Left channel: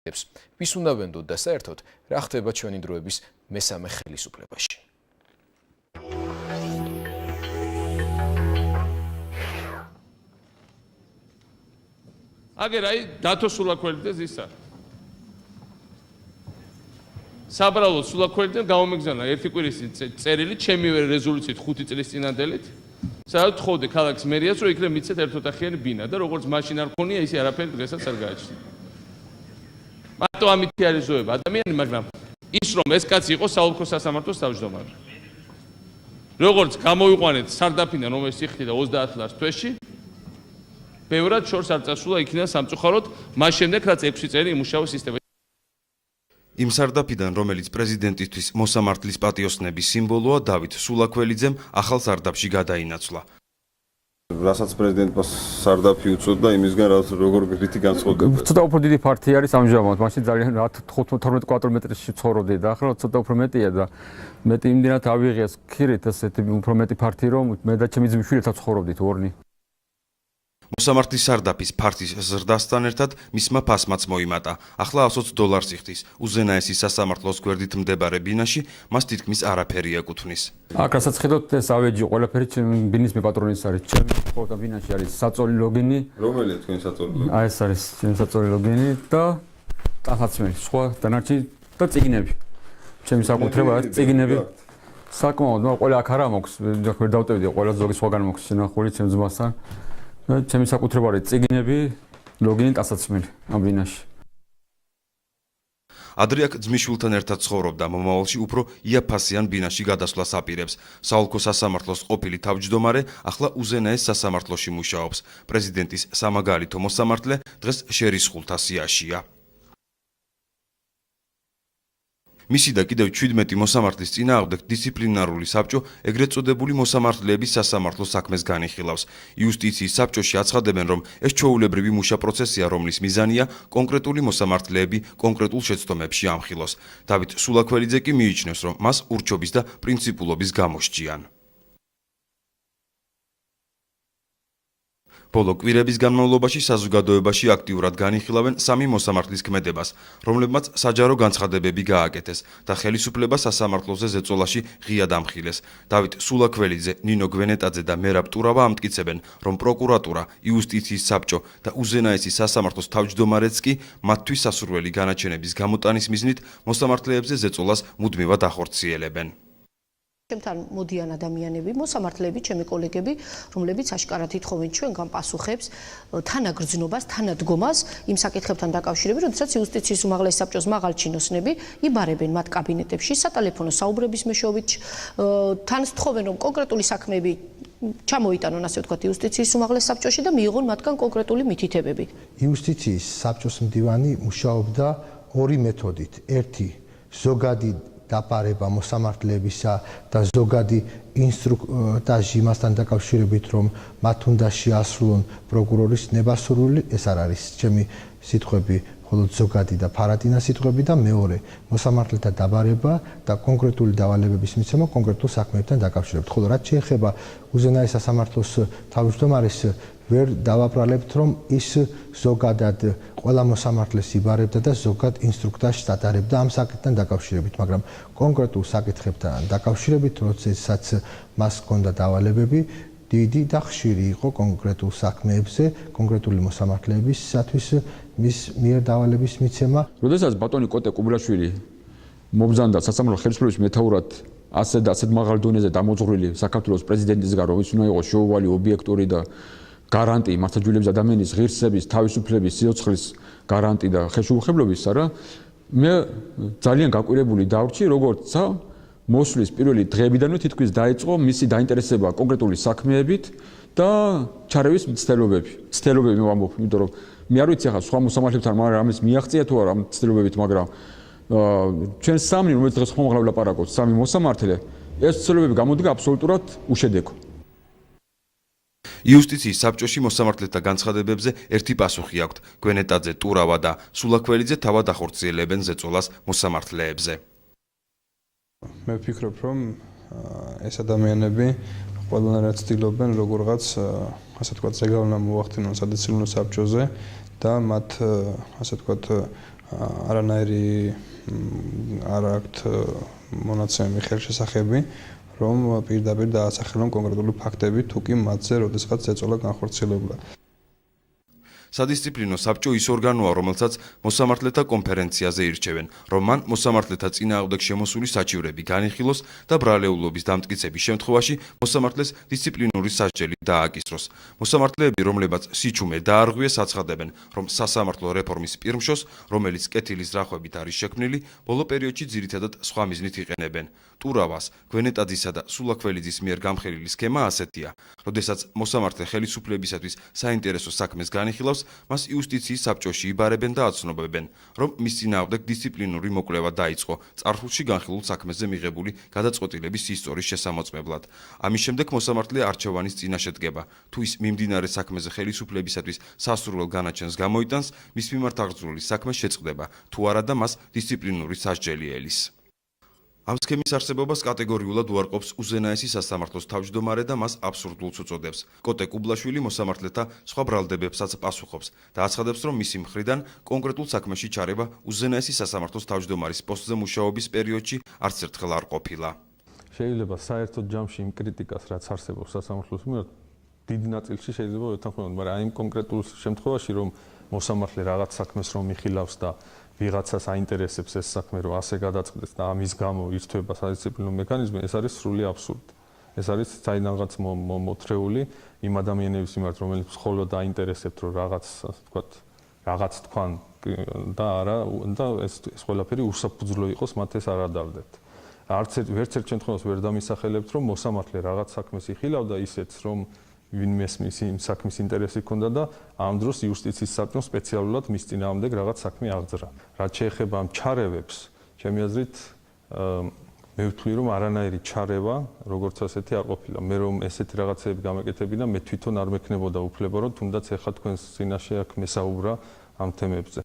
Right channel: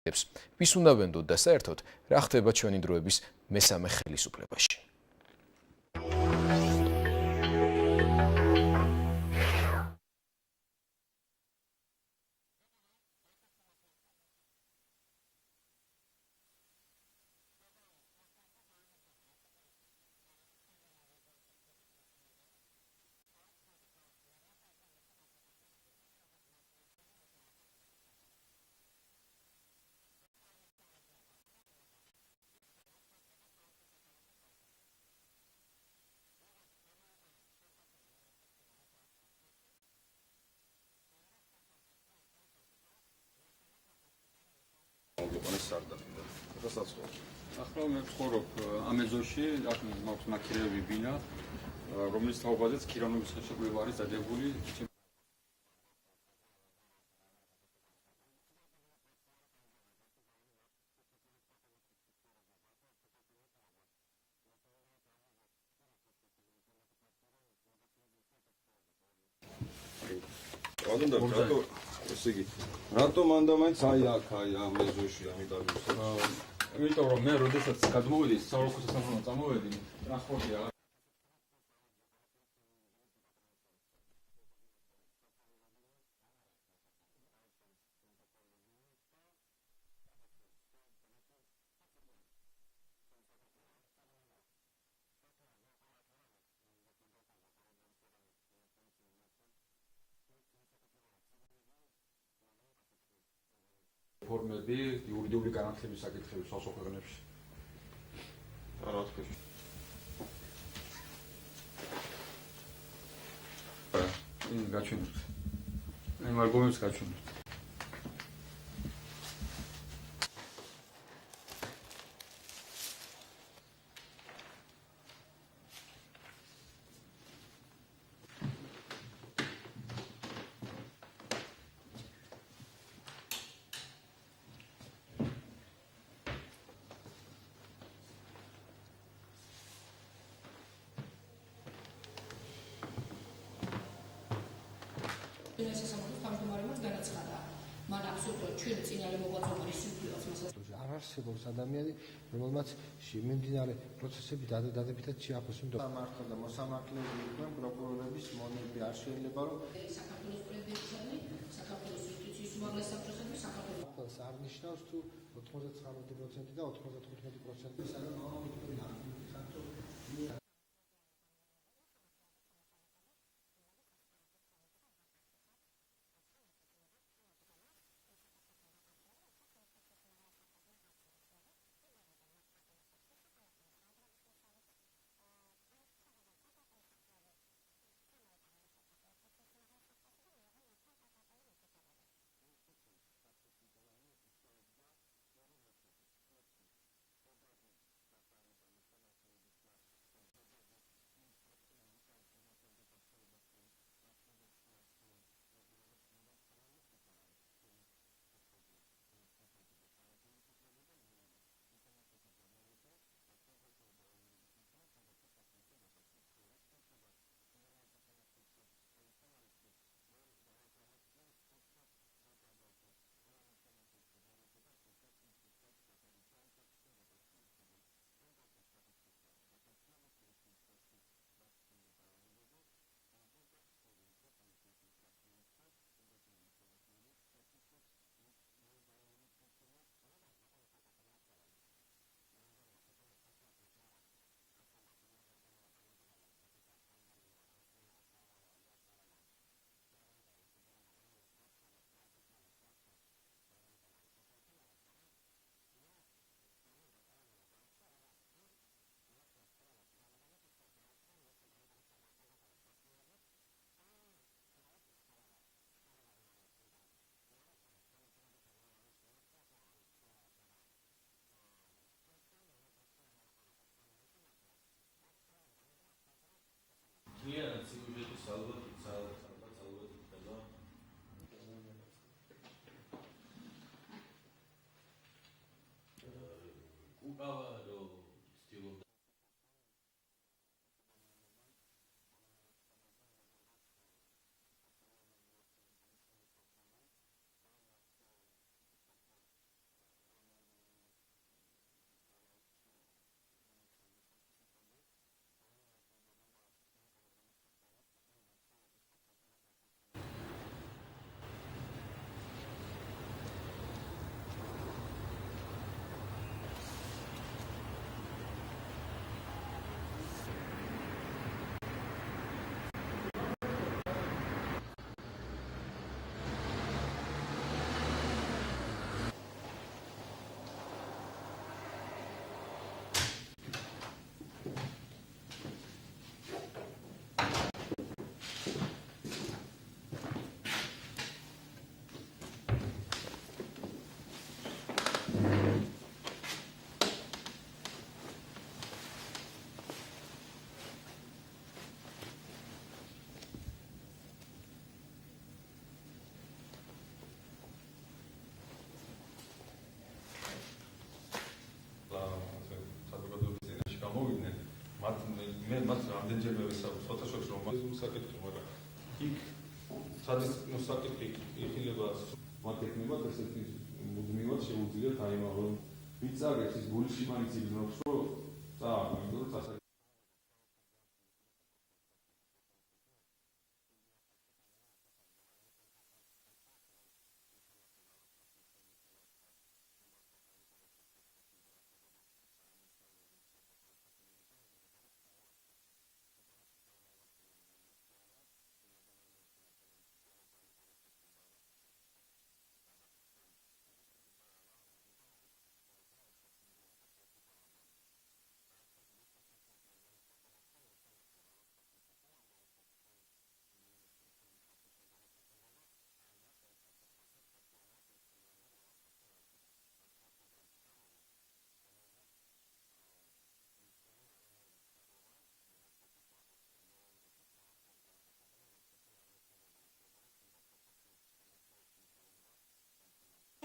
ვის უნდა ვენდოთ და საერთოდ რა ხდება ჩვენი დროების მესამე ხელისუფლებაში. აგერ აი დათო სულაქველიძეს ისა. საბრალო სულაქველიძემ გამომიგზავნა ერთი კვირის წერილი ჩემივე რეზოლუციით 5 წლის წინანდელით. სადაც თხოვდი ქალაქის მერიას რომ იქნებ მიცეთ ერთოთახიანი ბინა და როგორც მაშინ არ ქონია ისე არაფერი დღესაც არ გააჩნია. მარტო ამითი არის ზოება ადამიანი, მაგრამ ის რომ ეს კაცი იყო საოლქო სასამართლოს თავმჯდომარე. როგორც გამოვიყვანეთ სარდაფიდან რომელიც იხდიდა 30 ლარს თვეში, ბევრად შორს არ წასულა იქიდან სამწუხაროდ, მას შემდეგ რაც 6 წელი იმუშავა სისტემაში. იმ სარდაფიდან, რომელიც პრეზიდენტისთვის მოსამართლის პატიოსნების სიმბოლოა, დავით სულაქველიძემ ახალ სარდაფში გადაინაცვლა. რასაც პრეზიდენტმა სარდაფი უწოდა, იმისგან როგორ გრითი განსხვავდება. ცოტა უფრო დიდი ფართი არის ამჟამად, მაშინ ძალიან 12 კვადრატმეტრში ცხოვრობდი და ახლა ცოტა უფრო მეტია და მეტი იმდენად ავიღეს ქირით ესეთი უფრო მეტი ფართი რომ მე და ჩემი ძმისშვილებთან ცხოვრობდით ორნი. მოსამართლის სარდაფის ფართის ზრდასთან ერთად მისმა ფასმაც მოიმატა. ახლა $120 იხდის. უზენაესი სასამართლოს გვერდით მდებარე ბინაში მას თითქმის არაფერი ეკუთვნის. აქ რასაც ხედავთ ეს ავეჯი ყველაფერი ბინის მეპატრონის არის. ჩემი ხოდა ბინაში არის საწოლი ლოგინი. რომელია თქვენი საწოლი ლოგინი? აი ეს არის ჩემი საწოლი ლოგინი და ტახაცმელი, სხვა დანარჩენი და წიგნები. ჩემი საკუთრება არის წიგნები. საკმაოდ, მაგრამ ყველა აქ არა მოქვს, ვერ დავტევდი, ყველა ზოგი სხვაგან მოქვს შენახული ჩემ ძმასთან. ჩემი საკუთრება არის წიგნები, ლოგინი, ტასაცმელი ამ ბინაში. ადრე აქ ძმისშვილთან ერთად ცხოვრობდა, მომავალში უფრო იაფასიან ბინაში გადასვლას აპირებს. საოლქო სასამართლოს ყოფილი თავმჯდომარე ახლა უზენაეს სასამართლოში მუშაობს. პრეზიდენტის სამაგალითო მოსამართლე დღეს შერისხულთა სიაშია. მისი და კიდევ 17 მოსამართლის წინააღმდეგ დისციპლინარული საბჭო ეგრეთ წოდებული მოსამართლეების სასამართლო საქმეს განიხილავს. იუსტიციის საბჭოში აცხადებენ, რომ ეს ჩვეულებრივი მუშა პროცესია, რომლის მიზანია კონკრეტული მოსამართლეები კონკრეტულ შეცდომებში ამხილოს. დავით სულაქველიძე კი მიიჩნევს, რომ მას ურჩობის და პრინციპულობის გამოსჭიან. ბოლო კვირების განმავლობაში საზოგადოებაში აქტიურად განიხილავენ სამი მოსამართლის ქმედებას, რომლებმაც საჯარო განცხადებები გააკეთეს და ხელისუფლება სასამართლოზე ზეწოლაში ღიად ამხილეს. დავით სულაქველიძე, ნინო გვენეტაძე და მერაბ ტურავა ამტკიცებენ, რომ პროკურატურა, იუსტიციის საბჭო და უზენაესი სასამართლოს თავმჯდომარეც კი მათთვის სასურველი განაჩენების გამოტანის მიზნით მოსამართლეებზე ზეწოლას მუდმივად ახორციელებენ. ჩემთან მოდიან ადამიანები, მოსამართლეები, ჩემი კოლეგები, რომლებიც აშკარად ითხოვენ ჩვენგან პასუხებს, თანაგრძნობას, თანადგომას იმ საკითხებთან დაკავშირებით, როდესაც იუსტიციის უმაღლესი საბჭოს მაღალ ჩინოსნები იბარებენ მათ კაბინეტებში, სატელეფონო საუბრების მეშვეობით, თან სთხოვენ, რომ კონკრეტული საქმეები ჩამოიტანონ, ასე ვთქვათ, იუსტიციის უმაღლეს საბჭოში და მიიღონ მათგან კონკრეტული მითითებები. იუსტიციის საბჭოს მდივანი მუშაობდა ორი მეთოდით. ერთი, ზოგადი დაპარება მოსამართლეებისა და ზოგადი ინსტრუქტაჟი მასთან დაკავშირებით, რომ მათ უნდა შეასრულონ პროკურორის ნებასურველი, ეს არ არის ჩემი სიტყვები, მხოლოდ ზოგადი და ფარატინა სიტყვები და მეორე, მოსამართლეთა დაბარება და კონკრეტული დავალებების მიცემა კონკრეტულ საქმეებთან დაკავშირებით. ხოლო რაც შეეხება უზენაეს სასამართლოს თავმჯდომარეს, ვერ დავაბრალებთ, რომ ის ზოგადად ყველა მოსამართლეს იბარებდა და ზოგად ინსტრუქტაჟს ატარებდა ამ საკითხთან დაკავშირებით, მაგრამ კონკრეტულ საკითხებთან დაკავშირებით, როდესაც მას ჰქონდა დავალებები, დიდი და ხშირი იყო კონკრეტულ საქმეებზე, კონკრეტული მოსამართლეებისათვის მის მიერ დავალების მიცემა. როდესაც ბატონი კოტე კუბლაშვილი მობრძანდა სასამართლო ხელისუფლების მეთაურად ასეთ და ასეთ მაღალ დონეზე დამოწვრილი საქართველოს პრეზიდენტისგან, რომ ის უნდა იყოს შეუვალი, ობიექტური და გარანტი მართლმსაჯულების ადამიანის ღირსების, თავისუფლების, სიცოცხლის გარანტი და ხელშეუხებლობის, არა, მე ძალიან გაკვირებული დავრჩი, როგორც მოსვლის პირველი დღეებიდანვე თითქმის დაიწყო მისი დაინტერესება კონკრეტული საქმეებით და ჩარევის მცდელობები. მცდელობები მე ვამბობ, იმიტომ რომ მე არ ვიცი ახლა სხვა მოსამართლებთან რამის მიაღწია თუ არა ამ მცდელობებით, მაგრამ ჩვენ სამი, რომელიც დღეს ხომ ვლაპარაკობთ, სამი მოსამართლე, ეს მცდელობები გამოდგა აბსოლუტურად უშედეგო. იუსტიციის საბჭოში მოსამართლეთა განცხადებებზე ერთი პასუხი აქვთ. გვენეტაძე, ტურავა და სულაქველიძე თავად ახორციელებენ ზეწოლას მოსამართლეებზე. მე ვფიქრობ, რომ ეს ადამიანები ყველანაირად ცდილობენ როგორღაც, ასე ვთქვათ, ზეგავლენა მოახდინონ სადისციპლინო საბჭოზე და მათ, ასე ვთქვათ, არანაირი არ აქვთ მონაცემები ხელშესახები, რომ პირდაპირ დაასახელონ კონკრეტული ფაქტები, თუ კი მათზე როდესღაც ეწოლა განხორციელებულა. სადისციპლინო საბჭო ის ორგანოა, რომელსაც მოსამართლეთა კონფერენციაზე ირჩევენ, რომ მან მოსამართლეთა წინააღმდეგ შემოსული საჭიროები განიხილოს და ბრალეულობის დამტკიცების შემთხვევაში მოსამართლეს დისციპლინური სასჯელი დააკისროს. მოსამართლეები, რომლებაც სიჩუმე დაარღვიეს, აცხადებენ, რომ სასამართლო რეფორმის პირმშოს, რომელიც კეთილის ძრახვებით არის შექმნილი, ბოლო პერიოდში ძირითადად სხვა მიზნით იყენებენ. ტურავას, გვენეტაძისა და სულაქველიძის მიერ გამხელილი სქემა ასეთია. როდესაც მოსამართლე ხელისუფლებისათვის საინტერესო საქმეს განიხილავს, მას იუსტიციის საბჭოში იბარებენ და აცნობებენ, რომ მის წინააღმდეგ დისციპლინური მოკვლევა დაიწყო წარსულში განხილულ საქმეზე მიღებული გადაწყვეტილების ისტორიის შესამოწმებლად. ამის შემდეგ მოსამართლე არჩევანის წინაშე დგება. თუ ის მიმდინარე საქმეზე ხელისუფლებისათვის სასურველ განაჩენს გამოიტანს, მის მიმართ აღძრული საქმე შეწყდება, თუ არა და მას დისციპლინური სასჯელი ელის. ამ სქემის არსებობას კატეგორიულად უარყოფს უზენაესი სასამართლოს თავმჯდომარე და მას აბსურდულს უწოდებს. კოტე კუბლაშვილი მოსამართლეთა სხვა ბრალდებებსაც პასუხობს და აცხადებს, რომ მისი მხრიდან კონკრეტულ საქმეში ჩარევა უზენაესი სასამართლოს თავმჯდომარის პოსტზე მუშაობის პერიოდში არც ერთხელ არ ყოფილა. შეიძლება საერთოდ ჯამში იმ კრიტიკას, რაც არსებობს სასამართლოს მიერ, დიდ ნაწილში შეიძლება ეთანხმებოდეს, მაგრამ აი იმ კონკრეტულ შემთხვევაში, რომ მოსამართლე რაღაც საქმეს რომ იხილავს და ვიღაცას აინტერესებს ეს საქმე, რომ ასე გადაწყდეს და ამის გამო ირთვება სადისციპლინო მექანიზმი, ეს არის სრული აბსურდი. ეს არის საინდანღაც მოთრეული იმ ადამიანების მიმართ, რომელიც მხოლოდ აინტერესებთ, რომ რაღაც თქვან და არა და ეს ყველაფერი უსაფუძვლო იყოს, მათ ეს არ ადარდებთ. ვერც ერთ შემთხვევაში ვერ დამისახელებთ, რომ მოსამართლე რაღაც საქმეს იხილავდა ისეთს, რომ ვინმეს იმ საქმის ინტერესი ჰქონდა და ამ დროს იუსტიციის საბჭომ სპეციალურად მის წინააღმდეგ რაღაც საქმე აღძრა. რაც შეეხება ამ ჩარევებს, ჩემი აზრით მე ვთვლი, რომ არანაირი ჩარევა, როგორც ასეთი არ ყოფილა. მე რომ ესეთი რაღაცები გამეკეთებინა, მე თვითონ არ მექნებოდა უფლება, რომ თუნდაც ეხლა თქვენს წინაშე აქ მესაუბრა ამ თემებზე.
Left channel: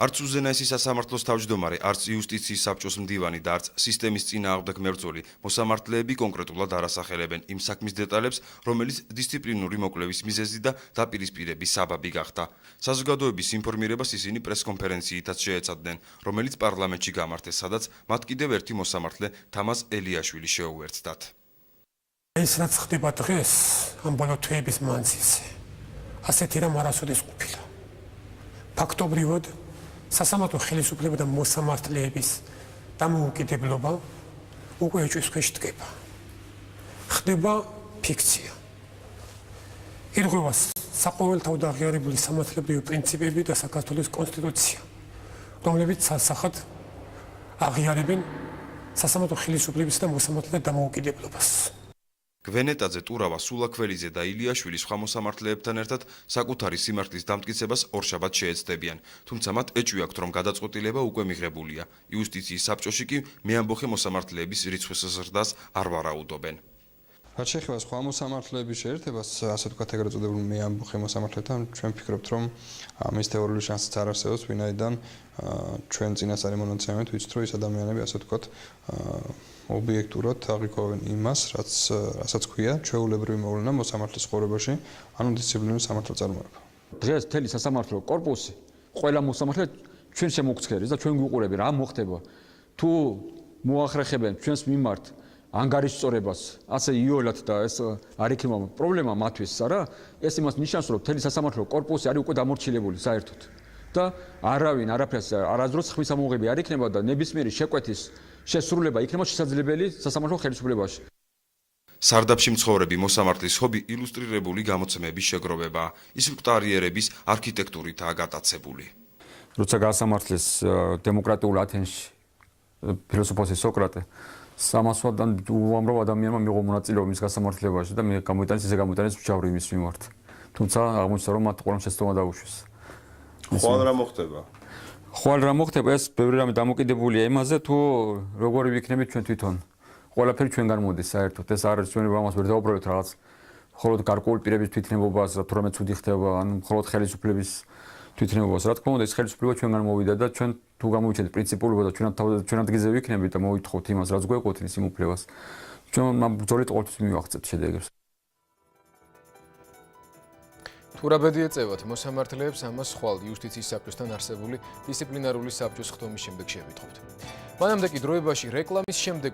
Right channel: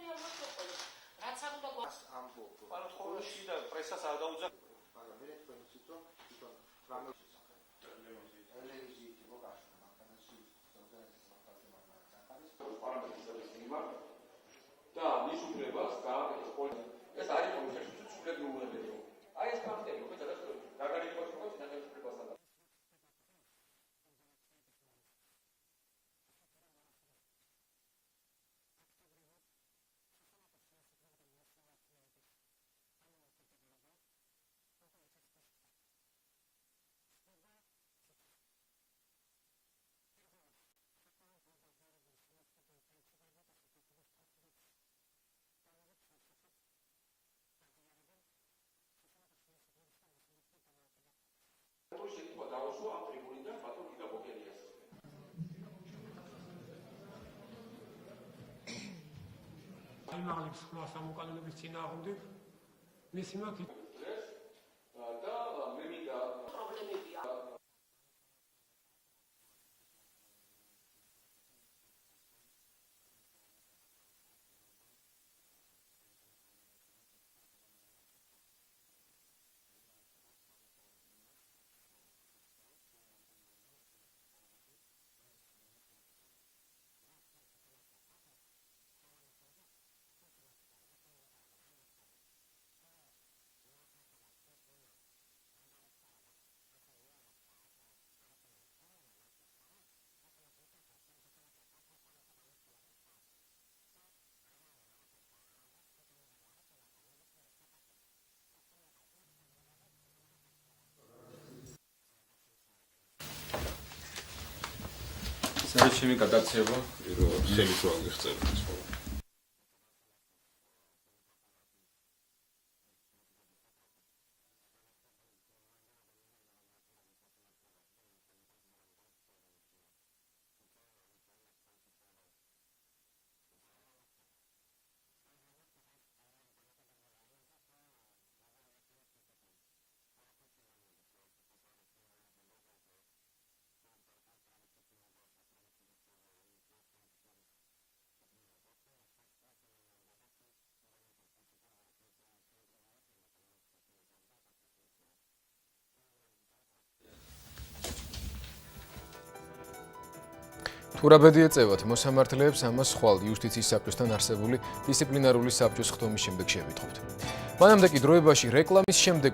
არც უზენაესი სასამართლოს თავმჯდომარე, არც იუსტიციის საბჭოს მდივანი და არც სისტემის წინააღმდეგ მებრძოლი მოსამართლეები კონკრეტულად არ ასახელებენ იმ საქმის დეტალებს, რომელიც დისციპლინური მოკვლევის მიზეზი და დაპირისპირების საბაბი გახდა. საზოგადოების ინფორმირებას ისინი პრესკონფერენციითაც შეეცადნენ, რომელიც პარლამენტში გამართეს, სადაც მათ კიდევ ერთი მოსამართლე თამაზ ელიაშვილი შეუერთდათ. ეს რაც ხდება დღეს ამ ბოლო თვეების მანძილზე, ასეთი რამ არასოდეს ყოფილა. ფაქტობრივად სასამართლო ხელისუფლება და მოსამართლეების დამოუკიდებლობა უკვე ეჭვის ქვეშ დგება. ხდება ფიქცია. ირღვევა საყოველთაოდ აღიარებული სამართლებრივი პრინციპები და საქართველოს კონსტიტუცია, რომლებიც სასახად აღიარებენ სასამართლო ხელისუფლების და მოსამართლეთა დამოუკიდებლობას. გვენეტაძე, ტურავა, სულაქველიძე და ილიაშვილი სხვა მოსამართლეებთან ერთად საკუთარი სიმართლის დამტკიცებას ორშაბათს შეეცდებიან, თუმცა მათ ეჭვი აქვთ, რომ გადაწყვეტილება უკვე მიღებულია. იუსტიციის საბჭოში კი მეამბოხე მოსამართლეების რიცხვის ზრდას არ ვარაუდობენ. რაც შეეხება სხვა მოსამართლეების შეერთებას, ასე ვთქვათ, ეგრეთ წოდებულ მეამბოხე მოსამართლეთან, ჩვენ ვფიქრობთ, რომ ამის თეორიული შანსიც არ არსებობს, ვინაიდან ჩვენ წინასწარი მონაცემებით ვიცით, რომ ეს ადამიანები, ასე ვთქვათ, ობიექტურად აღიქვავენ იმას, რასაც ქვია ჩვეულებრივი მოვლენა მოსამართლის ცხოვრებაში, ანუ დისციპლინური სამართლის წარმოება. დღეს მთელი სასამართლო კორპუსი, ყველა მოსამართლე ჩვენ შემოგცქერეს და ჩვენ გვიყურებენ, რა მოხდება. თუ მოახერხებენ ჩვენს მიმართ ანგარიშწორებას, ასე იოლად და ეს არ იქნება პრობლემა მათთვის, არა? ეს იმას ნიშნავს, რომ მთელი სასამართლო კორპუსი არის უკვე დამორჩილებული საერთოდ. და არავინ არაფერს არასდროს ხმის ამოღები არ იქნება და ნებისმიერი შეკვეთის შესრულება იქნება შესაძლებელი სასამართლო ხელისუფლებაში. სარდაფში მცხოვრები მოსამართლის ჰობი ილუსტრირებული გამოცემების შეგროვება, ის მტარიერების არქიტექტურითაა გატაცებული. როცა გაასამართლეს დემოკრატიულ ათენში ფილოსოფოსი სოკრატე 300-დან უამრავ ადამიანმა მიიღო მონაწილეობა მის გასამართლებაში და მე გამოიტანეს მჟავრი მის მიმართ. თუმცა აღმოჩნდა, რომ მათ ყველამ შეცდომა დაუშვეს. ხვალ რა მოხდება? ხვალ რა მოხდება, ეს ბევრი რამე დამოკიდებულია იმაზე, თუ როგორი ვიქნებით ჩვენ თვითონ. ყველაფერი ჩვენგან მოდის საერთოდ. ეს არ არის ჩვენი ამას ვერ დავუბრალოთ რაღაც მხოლოდ გარკვეული პირების თვითნებობას, თუ რამე ცუდი ხდება, ან მხოლოდ ხელისუფლების თვითნებობას. რა თქმა უნდა, ეს ხელისუფლება ჩვენგან მოვიდა და ჩვენ თუ გამოვიჩენთ პრინციპულობა და ჩვენ ადგილზე ვიქნებით და მოვითხოვთ იმას, რაც გვეყოთნის იმ უფლებას. ჩვენ ამ ბრძოლით ყოველთვის მივაღწევთ შედეგებს. თუ რა ბედი ეწევათ მოსამართლეებს, ამას ხვალ იუსტიციის საბჭოსთან არსებული დისციპლინარული საბჭოს ხდომის შემდეგ შევიტყობთ. მანამდე კი დროებაში რეკლამის შემდეგ